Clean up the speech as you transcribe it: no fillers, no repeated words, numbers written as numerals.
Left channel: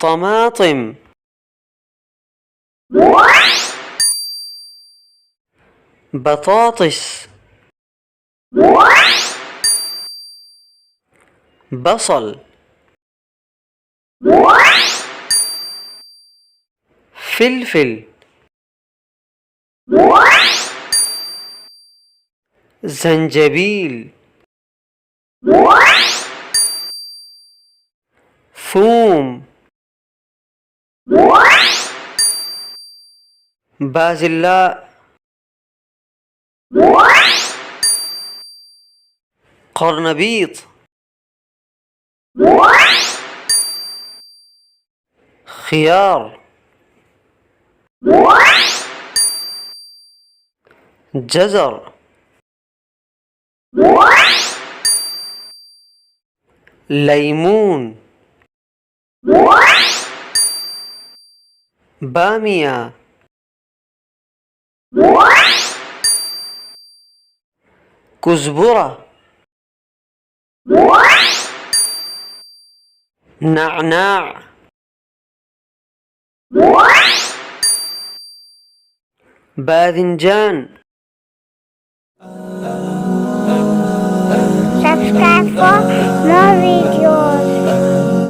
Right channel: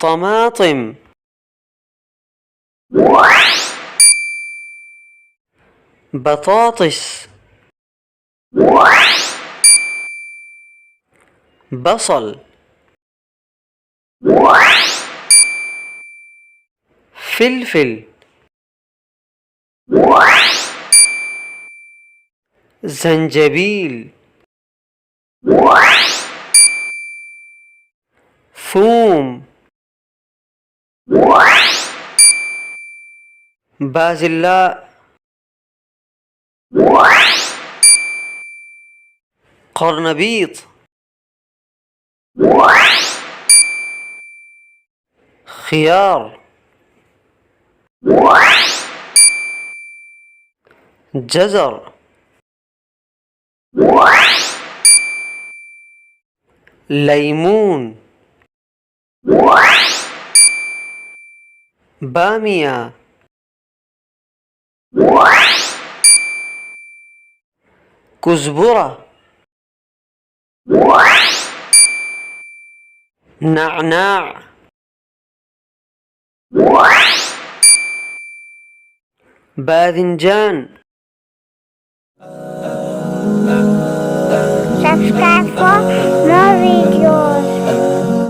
طماطم، بطاطس، بصل، فلفل، زنجبيل، ثوم، بازلاء، قرنبيط، خيار، جزر، ليمون، بامية، كزبرة، نعناع، باذنجان. Subscribe for more videos.